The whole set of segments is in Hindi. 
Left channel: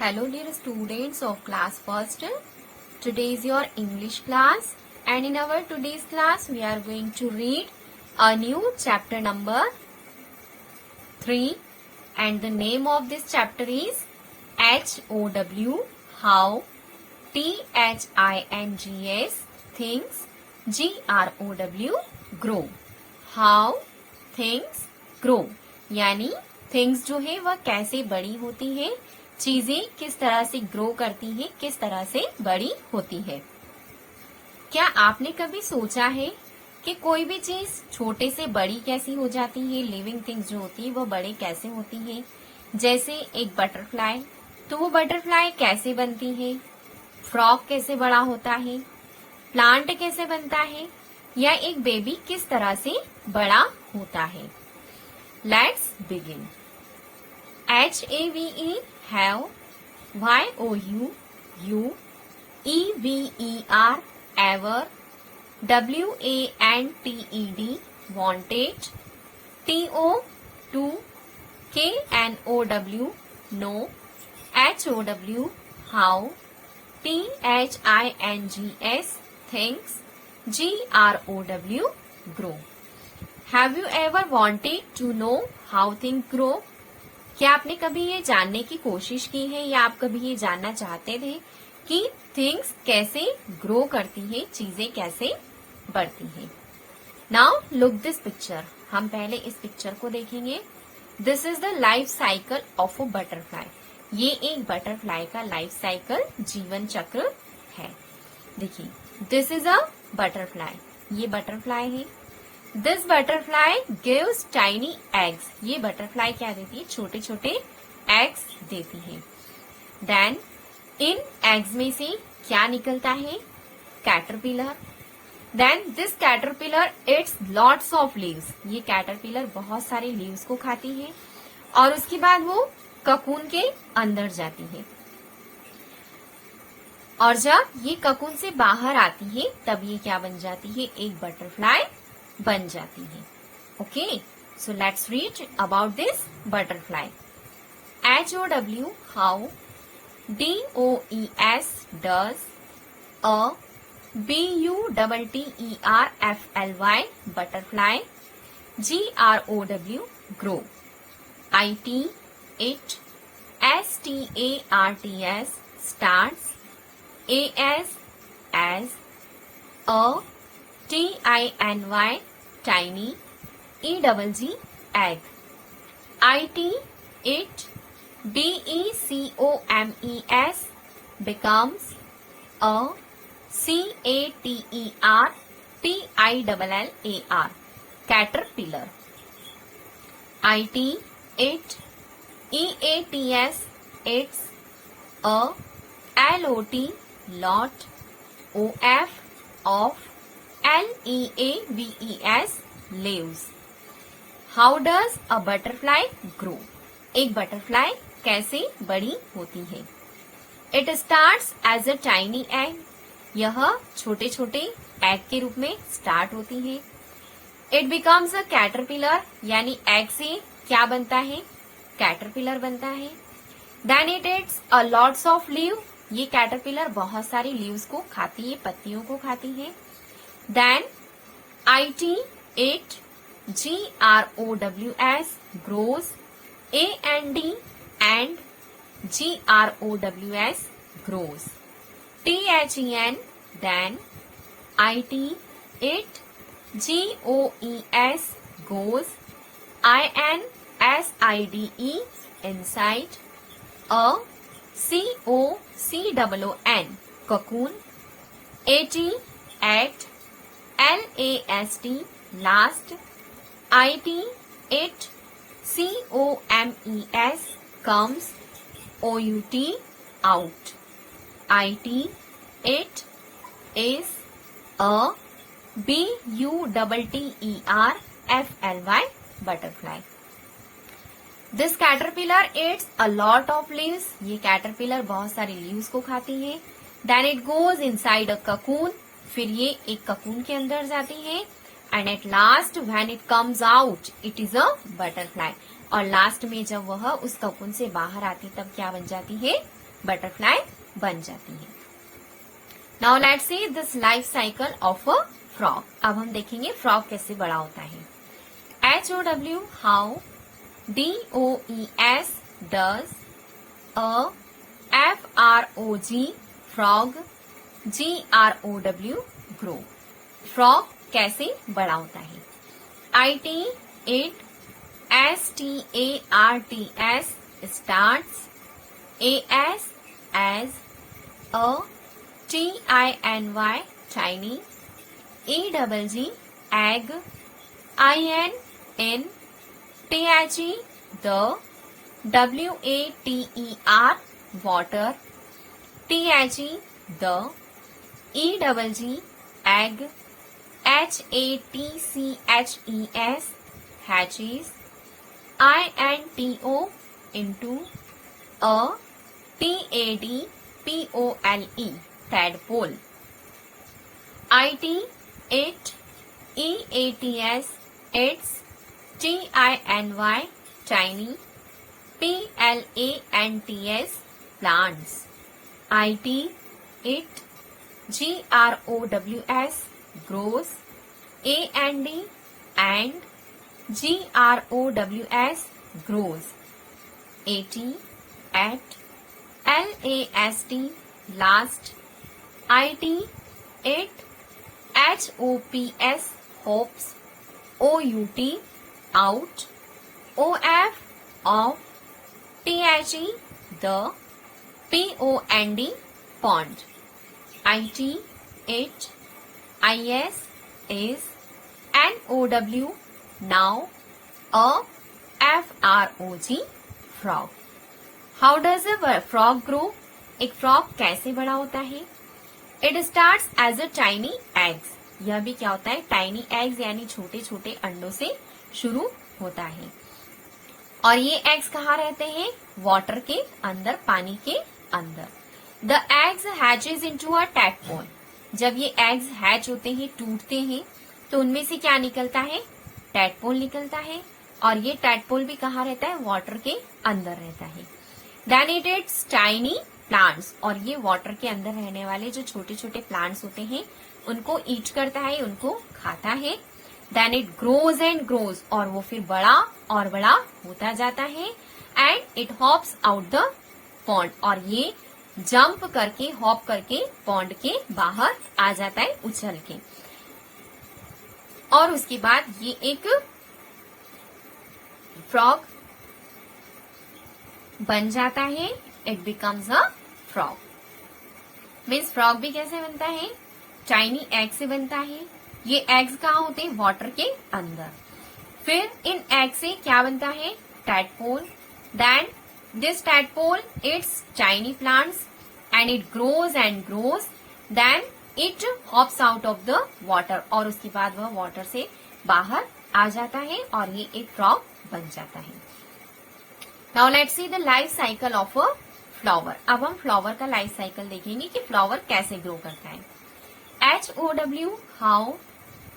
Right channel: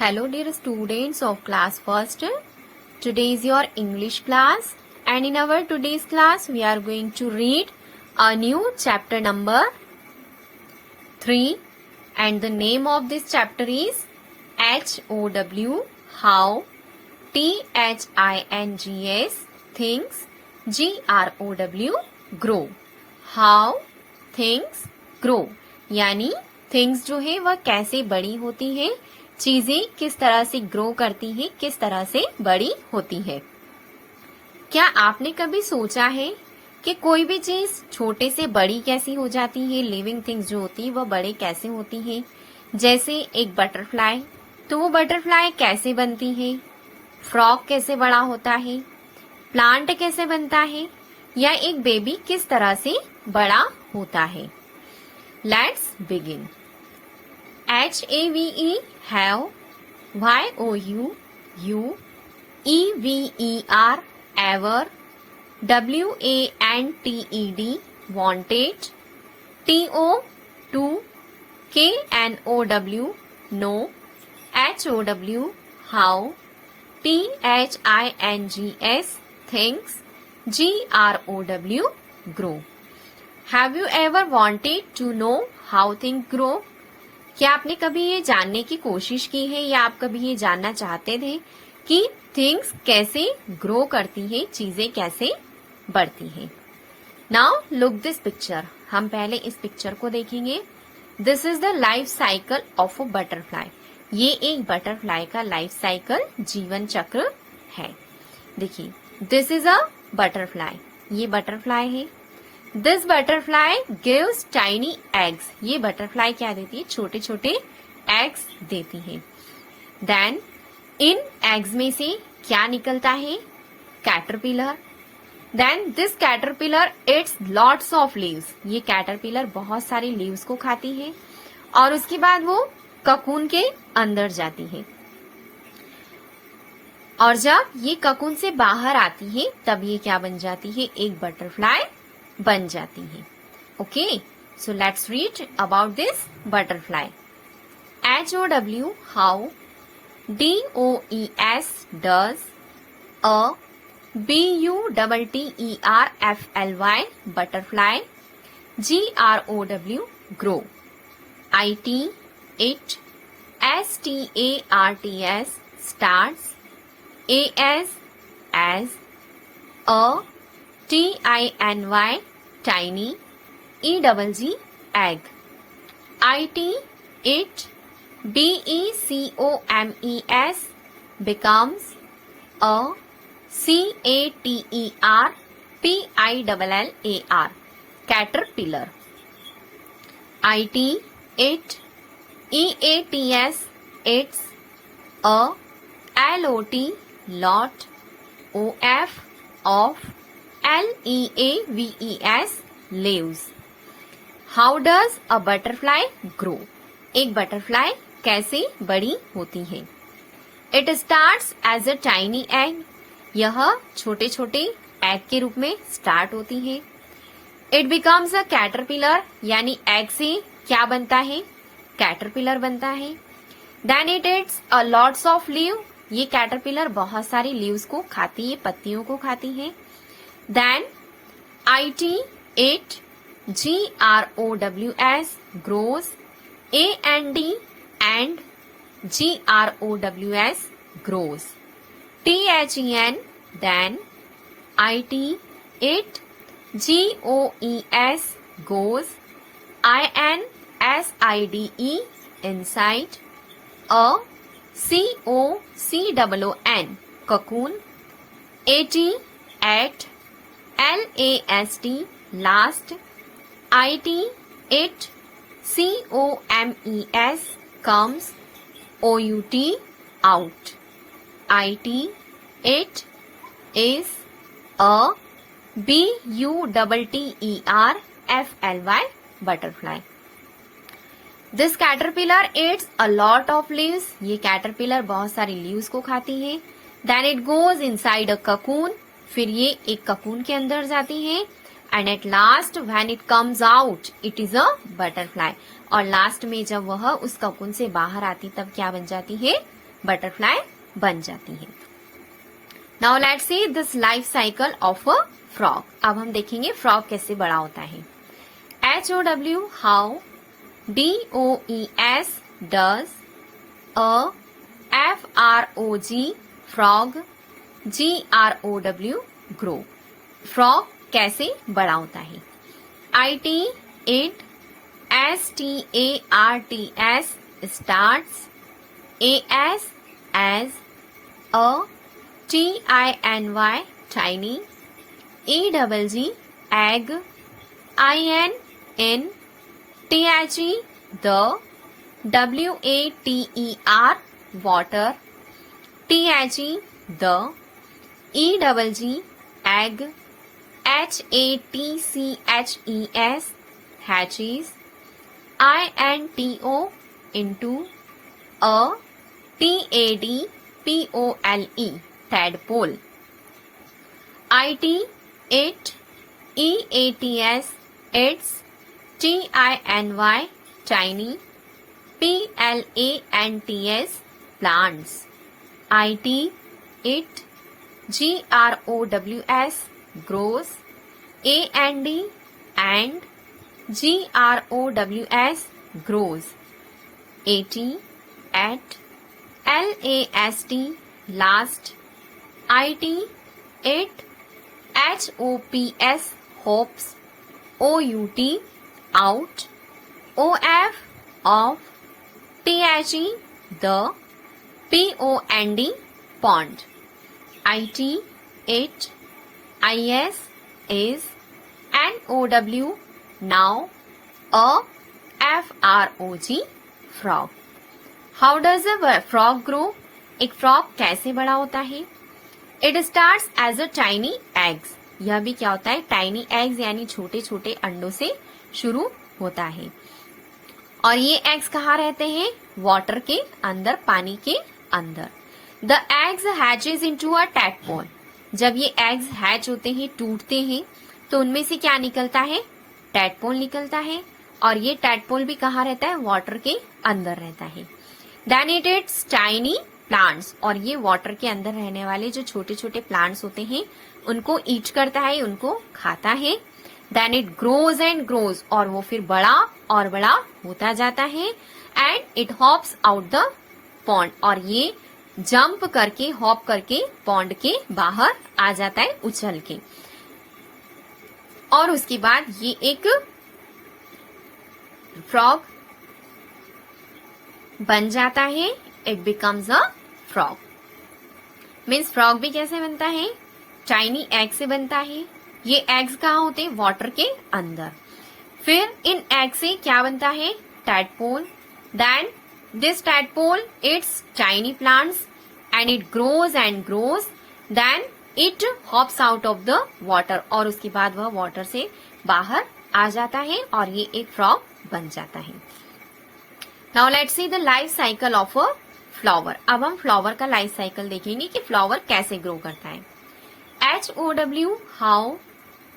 Hello dear students of class first. Today is your English class and in our today's class we are going to read a new chapter number 3 and the name of this chapter is HOW, how, THINGS, things, GROW, grow. How things grow यानी things जो है वह कैसे बड़ी होती है, चीजें किस तरह से ग्रो करती है, किस तरह से बड़ी होती है। क्या आपने कभी सोचा है कि कोई भी चीज छोटे से बड़ी कैसी हो जाती है, लिविंग थिंग्स जो होती है वह बड़े कैसे होती है। जैसे एक बटरफ्लाई, तो वो बटरफ्लाई कैसे बनती है, फ्रॉग कैसे बड़ा होता है, प्लांट कैसे बनता है, या एक बेबी किस तरह से बड़ा होता है। Let's begin. HAVE, have, YOU, you, EVER, ever, WANTED, wanted, TO, KNOW, no, HOW, how, THINGS, things, GROW, grow. Have you ever wanted to know how things grow? क्या आपने कभी ये जानने की कोशिश की है या आप कभी ये जानना चाहते थे कि थिंग्स कैसे ग्रो करती है, चीजें कैसे बढ़ती हैं। Now look this picture. हम पहले इस पिक्चर को देखेंगे। This is the life cycle of a butterfly. ये एक बटरफ्लाई का लाइफ साइकिल, जीवन चक्र है। देखिए, दिस इज अ बटरफ्लाई, ये बटरफ्लाई है। This butterfly gives tiny eggs. ये बटरफ्लाई क्या देती है, छोटे छोटे एग्स देती है। देन इन एग्स में से क्या निकलता है, caterpillar. Then this caterpillar eats lots of leaves. ये कैटरपिलर बहुत सारे लीव्स को खाती है और उसके बाद वो ककून के अंदर जाती है और जब ये ककून से बाहर आती है तब ये क्या बन जाती है, एक बटरफ्लाई बन जाती है। Okay, so let's read about this butterfly. HOW, how, DOES, does, BUTTERFLY, butterfly, GROW, grow, IT, it, STARTS, starts, AS, as, TINY, tiny, EGG, egg, IT, it, BECOMES, becomes, CATER, caterpillar, IT, it, EATS, its, LOT, lot, OF, of, LEAVES, leaves. How does a butterfly grow? एक बटरफ्लाई कैसे बड़ी होती है। It starts as a tiny egg. यह छोटे छोटे एग के रूप में स्टार्ट होती है। It becomes a caterpillar, यानी एग से क्या बनता है, कैटरपिलर बनता है। Then it eats a lots of leaves. ये कैटरपिलर बहुत सारी लीव्स को खाती है, पत्तियों को खाती है। Then IT, it, GROWS, grows, AND, and GROWS, grows, THEN, then, IT, it, GOES, goes, INSIDE, inside, COCOON, cocoon, AT, at, LAST, last, IT, it, COMES, comes, OUT, out, IT, it, is, a, BUTTERFLY, butterfly. This caterpillar eats a lot of leaves. ये caterpillar बहुत सारी leaves को खाती है। Then it goes inside a cocoon. फिर ये एक cocoon के अंदर जाती है। And at last when it comes out, it is a butterfly. और लास्ट में जब वह उस cocoon से बाहर आती तब क्या बन जाती है, बटरफ्लाई बन जाती हैं। Now let's see this life cycle of a frog. अब हम देखेंगे फ्रॉग कैसे बड़ा होता है। HOW how DOES does FROG frog GROW grow. Frog कैसे बड़ा होता है। IT it STARTS starts AS as a TINY tiny EGG egg IN THE the WATER water THE the EGG egg HATCHES hatches INTO into a TADPOLE tadpole IT it EATS its TINY tiny PLANTS plants IT it GROWS grows AND and GROWS grows AT at LAST last IT it HOPS hops OUT out OF of THE the POND pond IT it IS is NOW now a FROG frog। How does a frog grow. एक फ्रॉग कैसे बड़ा होता है। It starts as a tiny eggs. यह भी क्या होता है, टाइनी एग्स यानी छोटे छोटे अंडों से शुरू होता है। और ये एग्स कहाँ रहते हैं, वाटर के अंदर, पानी के अंदर। The eggs hatches into a tadpole. जब ये एग्स हैच होते हैं, टूटते हैं, तो उनमें से क्या निकलता है, टैडपोल निकलता है। और ये टैडपोल भी कहाँ रहता है, वाटर के अंदर रहता है। Then it eats tiny plants. और ये वाटर के अंदर रहने वाले जो छोटे छोटे प्लांट्स होते हैं उनको ईट करता है, उनको खाता है। Then it grows and grows. और वो फिर बड़ा और बड़ा होता जाता है। And it hops out the pond. और ये जंप करके, हॉप करके पॉन्ड के बाहर आ जाता है, उछल के। और उसके बाद ये एक फ्रॉग बन जाता है। It becomes a frog. Means frog भी कैसे बनता है, टाइनी एग से बनता है। ये एग्स कहाँ होते हैं, वाटर के अंदर। फिर इन एग से क्या बनता है, tadpole. Then this tadpole eats tiny plants and it grows and grows. Then it hops out of the water. और उसके बाद वह वाटर से बाहर आ जाता है और ये एक फ्रॉग बन जाता है। Now let's see the life cycle of a flower. अब हम फ्लावर का लाइफ साइकिल देखेंगे कि फ्लावर कैसे ग्रो करता है। HOW how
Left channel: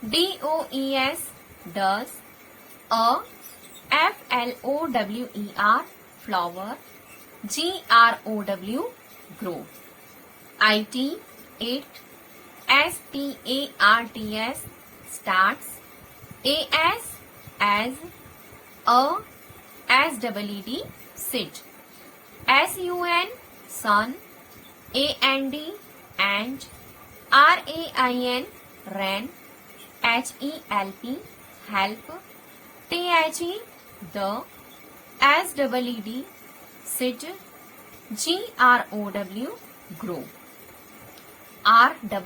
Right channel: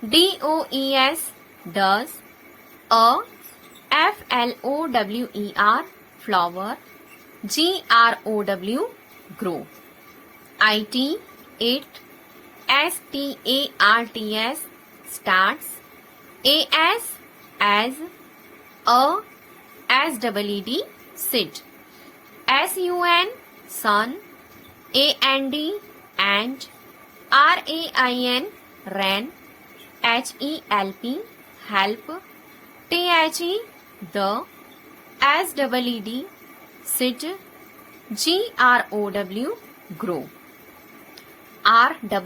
DOES does a FLOWER flower GROW grow. IT it STARTS starts AS as a SEED sit SUN sun AND and RAIN ran HELP help THE the SEED sit GROW grow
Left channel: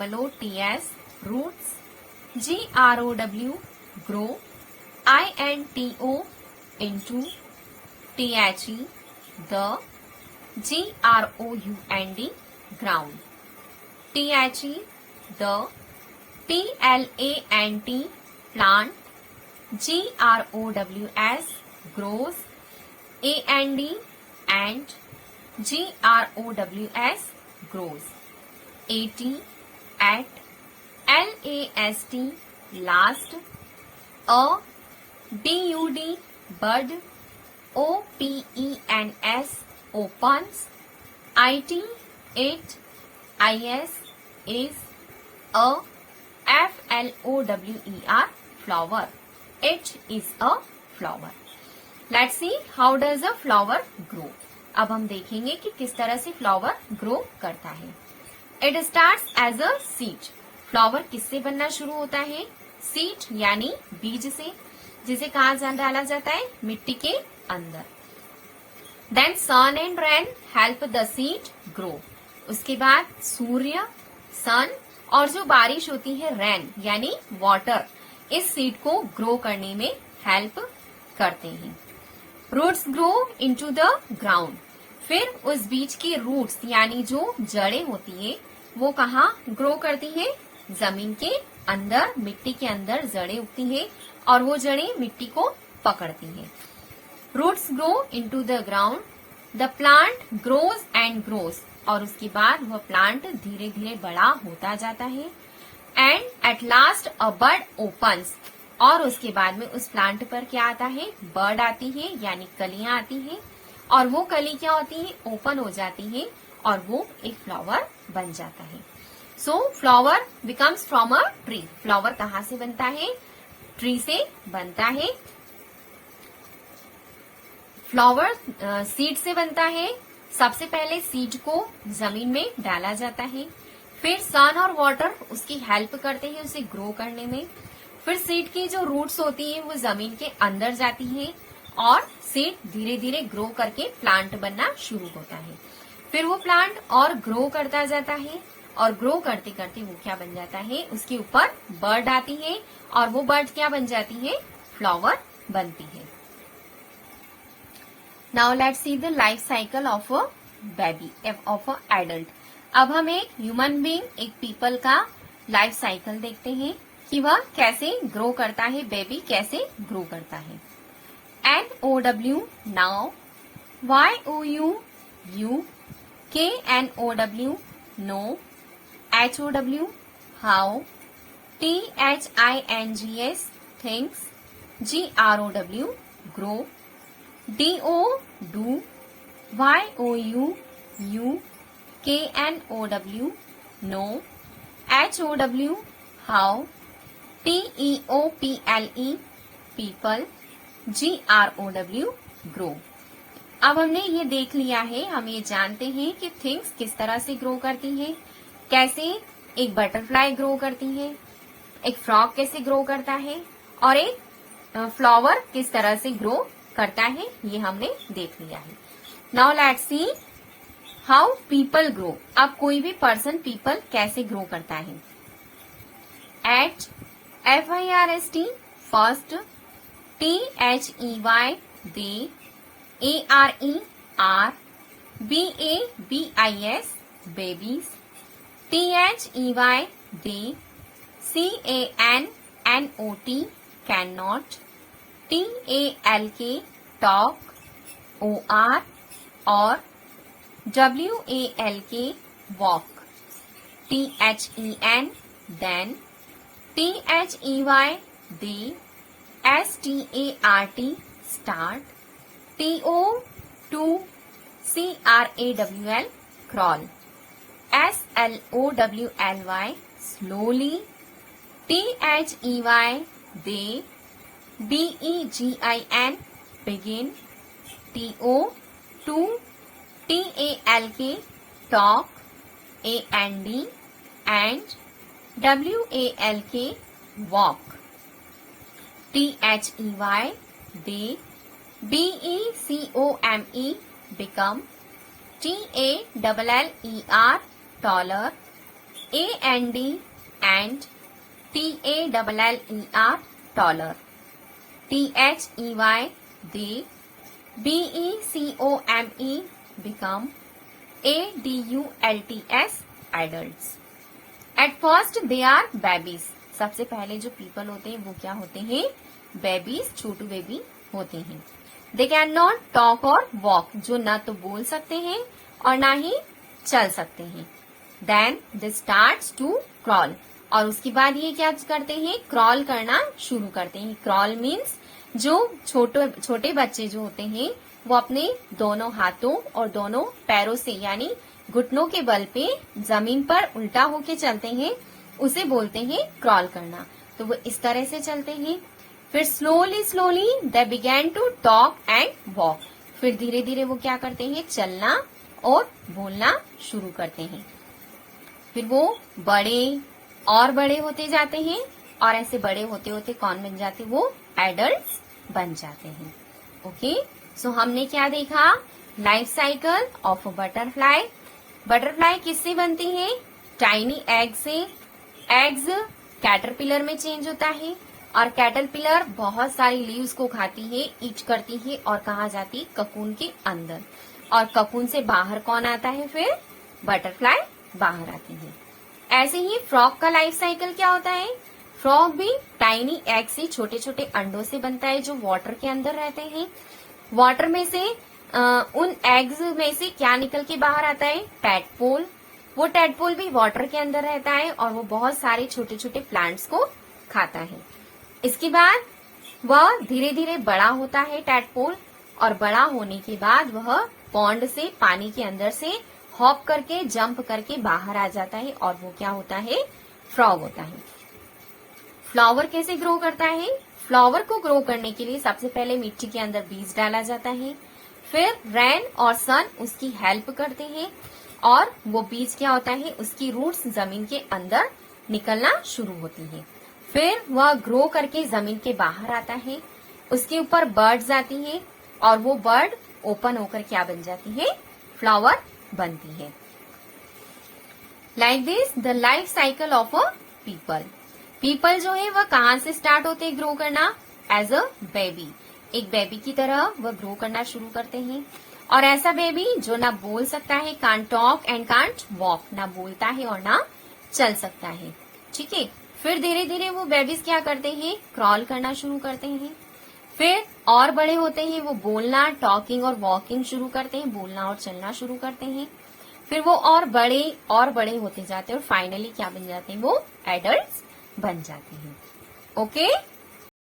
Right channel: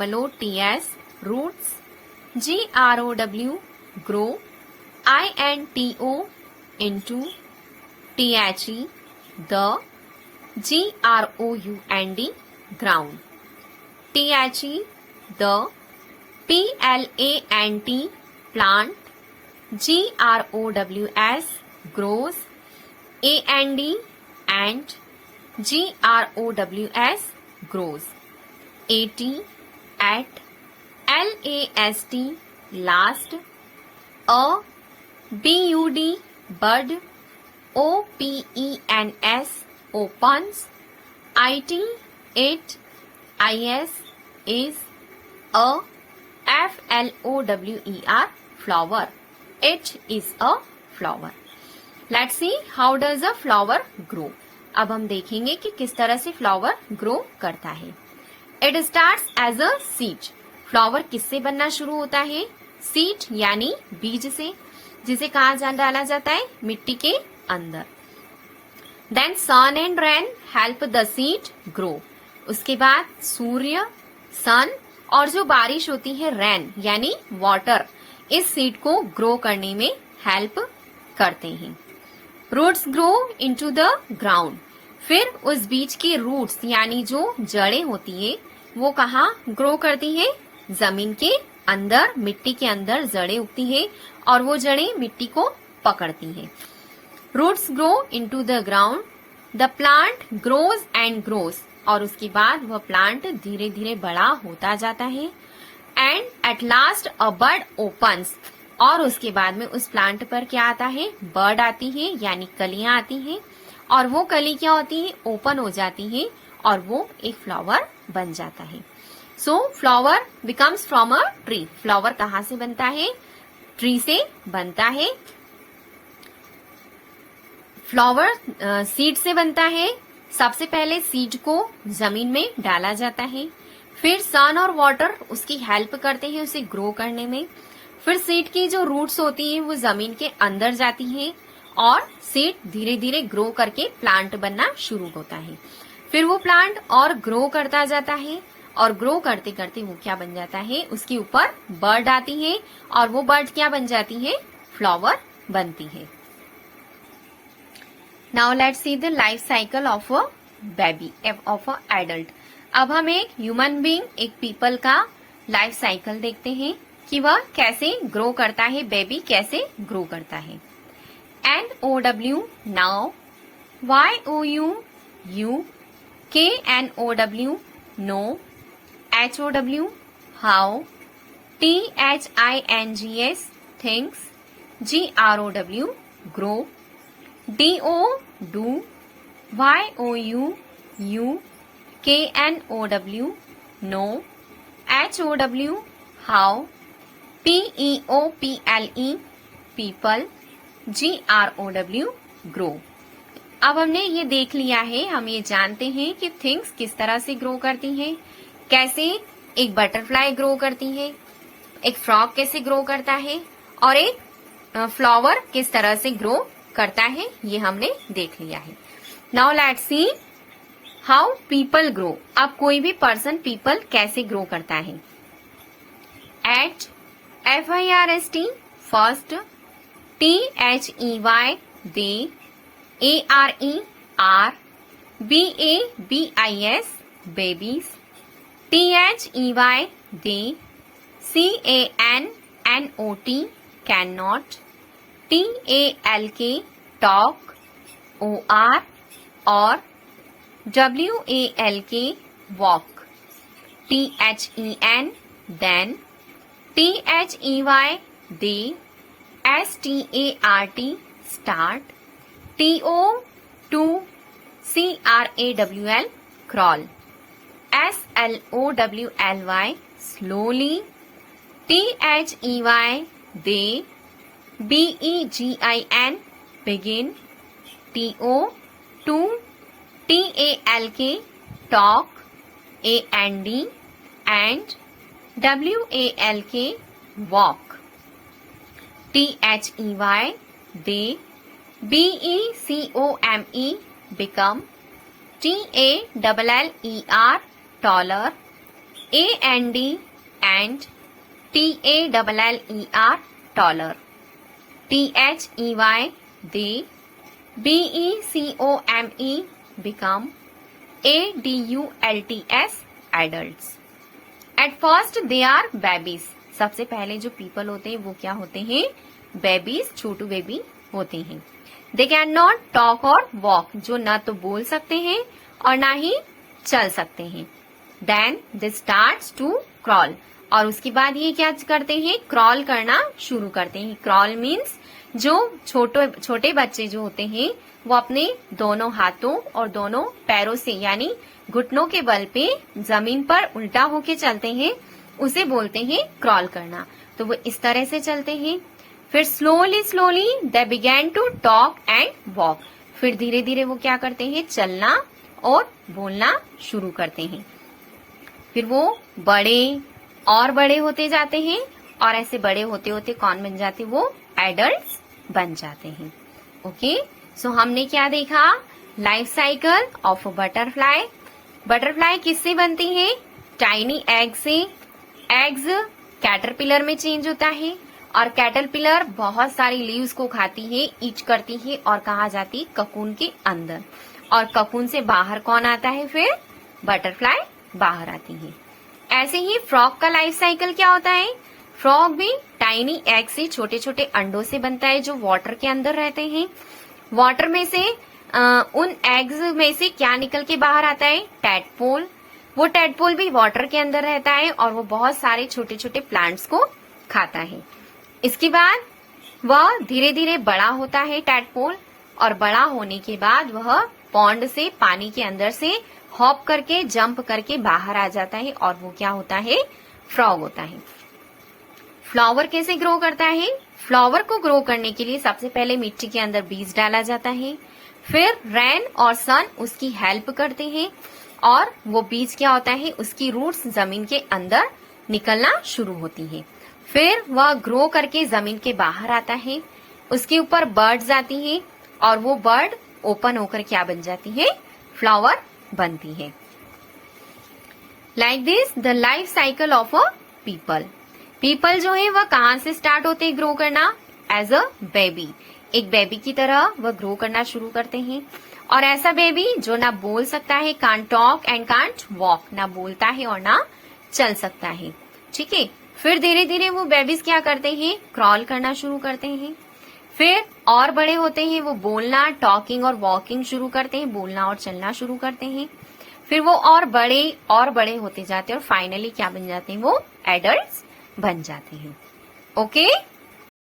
ROOTS roots GROW grow INTO into THE the GROUND ground THE the PLANT plant GROWS grows AND and GROWS grows AT at LAST last a BUD bud OPENS opens IT, it, IS, is, a, FLOWER, flower. It is a flower. Let's see how does a flower grow. अब हम देखेंगे कि किस तरह से फ्लावर ग्रो करता है. It starts as a seed. Flower किससे बनना शुरू होता है? सीड यानी बीज से, जिसे कहाँ डाला जाता है? मिट्टी के अंदर. Then sun and rain help the seed grow. उसके बाद सूर्य, सन और जो बारिश होती है रेन यानी वाटर, इस सीड को ग्रो करने में हेल्प करते हैं. Roots grow into the ground. फिर उस बीज के रूट्स यानी जो जड़ें होती है वो कहाँ ग्रो करती है? जमीन के अंदर, मिट्टी के अंदर जड़ें उगती है और वो जड़ें मिट्टी को पकड़ती है. Roots grow into the ground. The plant grows and grows. और उसके बाद वह प्लांट धीरे धीरे बड़ा होता जाता है. And at last a bud opens. और उसके बाद में उस प्लांट पर क्या आता है? बर्ड आती है यानी कलियां आती हैं. और वो कली क्या होती है? ओपन हो जाती है और वो एक फ्लावर बन जाता है. सो flower becomes from a tree. Flower कहाँ से बनता है? ट्री से बनता है. फ्लावर सीड से बनता है. सबसे पहले सीड को जमीन में डाला जाता है, फिर सन और वाटर उसकी हेल्प करते हैं उसे ग्रो करने में. फिर सीड की जो रूट्स होती हैं वो जमीन के अंदर जाती हैं और सीड धीरे धीरे ग्रो करके प्लांट बनना शुरू होता है. फिर वो प्लांट और ग्रो करता जाता है और ग्रो करते करते वो क्या बन जाता है? उसके ऊपर बर्ड आती है और वो बर्ड क्या बन जाती है? फ्लावर बनती है. Now let's see the life cycle of a baby, of a adult. अब हम एक ह्यूमन बीइंग, एक पीपल का लाइफ साइकिल देखते हैं कि वह कैसे ग्रो करता है, बेबी कैसे ग्रो करता है. NOW, now. YOU, you. KNOW, no. HOW, how. THINGS, things. GROW, grow. DO, do. YOU, you. KNOW, no. HOW, how. PEOPLE, people. GROW, grow. अब हमने ये देख लिया है, हम ये जानते हैं कि थिंग्स किस तरह से ग्रो करती हैं, कैसे एक बटरफ्लाई ग्रो करती है, एक फ्रॉग कैसे ग्रो करता है और एक फ्लावर किस तरह से ग्रो करता है, ये हमने देख लिया है. Now let's see how people grow. अब कोई भी पर्सन, पीपल कैसे ग्रो करता है. At, FIRST, first. THEY, they. ARE, are. BABIS, babies. THEY, they. CANNOT, cannot. TALK, talk. OR, or. WALK, walk. THEN, then. THEY, they. START, start. TO, CRAWL, crawl. SLOWLY, slowly. THEY, they. BEGIN, begin. TO, TALK, talk. AND, and. WALK, walk. THEY, they. BECOME, become. TALLER, taller. AND, and. TALLER, taller. THEY, they. BECOME, become. ADULTS, adults. At first they are babies. सबसे पहले जो पीपल होते हैं वो क्या होते हैं? बेबीज, छोटू बेबी होते हैं. दे कैन नॉट टॉक और वॉक, जो ना तो बोल सकते हैं और ना ही चल सकते हैं. Then they starts to crawl, और उसके बाद ये क्या करते हैं? क्रॉल करना शुरू करते हैं. क्रॉल मीन्स जो छोटे बच्चे जो होते हैं वो अपने दोनों हाथों और दोनों पैरों से यानी घुटनों के बल पे जमीन पर उल्टा होके चलते हैं, उसे बोलते हैं क्रॉल करना। तो वो इस तरह से चलते हैं। फिर slowly slowly they begin to talk and walk. फिर धीरे धीरे वो क्या करते हैं, चलना और बोलना शुरू करते हैं। फिर वो बड़े और बड़े होते जाते हैं और ऐसे बड़े होते होते कौन बन जाते, वो एडल्ट्स बन जाते हैं। ओके, सो हमने क्या देखा, life cycle of a butterfly. Butterfly किससे बनती है, टाइनी एग से। एग्स कैटरपिलर में चेंज होता है और कैटरपिलर बहुत सारी लीव्स को खाती है, ईच करती है और कहाँ जाती, ककून के अंदर। और ककून से बाहर कौन आता है, फिर बटरफ्लाई बाहर आती है। ऐसे ही फ्रॉग का लाइफ साइकिल क्या होता है, फ्रॉग भी टाइनी एग से, छोटे छोटे अंडों से बनता है जो वाटर के अंदर रहते हैं। वाटर में से उन एग्स में से क्या निकल के बाहर आता है, टैडपोल। वो टैडपोल भी वाटर के अंदर रहता है और वो बहुत सारे छोटे छोटे प्लांट्स को खाता है। इसके बाद वह धीरे धीरे बड़ा होता है टैडपोल, और बड़ा होने के बाद वह पॉन्ड से, पानी के अंदर से हॉप करके, जंप करके बाहर आ जाता है और वो क्या होता है, फ्रॉग होता है। फ्लावर कैसे ग्रो करता है, फ्लावर को ग्रो करने के लिए सबसे पहले मिट्टी के अंदर बीज डाला जाता है, फिर रेन और सन उसकी हेल्प करते हैं और वो बीज क्या होता है, उसकी रूट्स जमीन के अंदर निकलना शुरू होती है। फिर वह ग्रो करके जमीन के बाहर आता है, उसके ऊपर बर्ड्स आती हैं और वो बर्ड ओपन होकर क्या बन जाती है, फ्लावर बनती है। Like this the life cycle of a people. People जो है वह कहाँ से स्टार्ट होते हैं ग्रो करना, एज अ बेबी। एक बेबी की तरह वह ग्रो करना शुरू करते हैं। और ऐसा बेबी जो ना बोल सकता है, can't talk and can't walk, ना बोलता है और ना चल सकता है। ठीक है, फिर धीरे धीरे वो बेबीज क्या करते हैं, क्रॉल करना शुरू करते हैं। फिर और बड़े होते हैं, वो बोलना, टॉकिंग और वॉकिंग शुरू करते हैं, बोलना और चलना शुरू करते हैं। फिर वो और बड़े होते जाते हैं और फाइनली क्या बन जाते हैं, वो एडल्ट्स बन जाते हैं। ओके।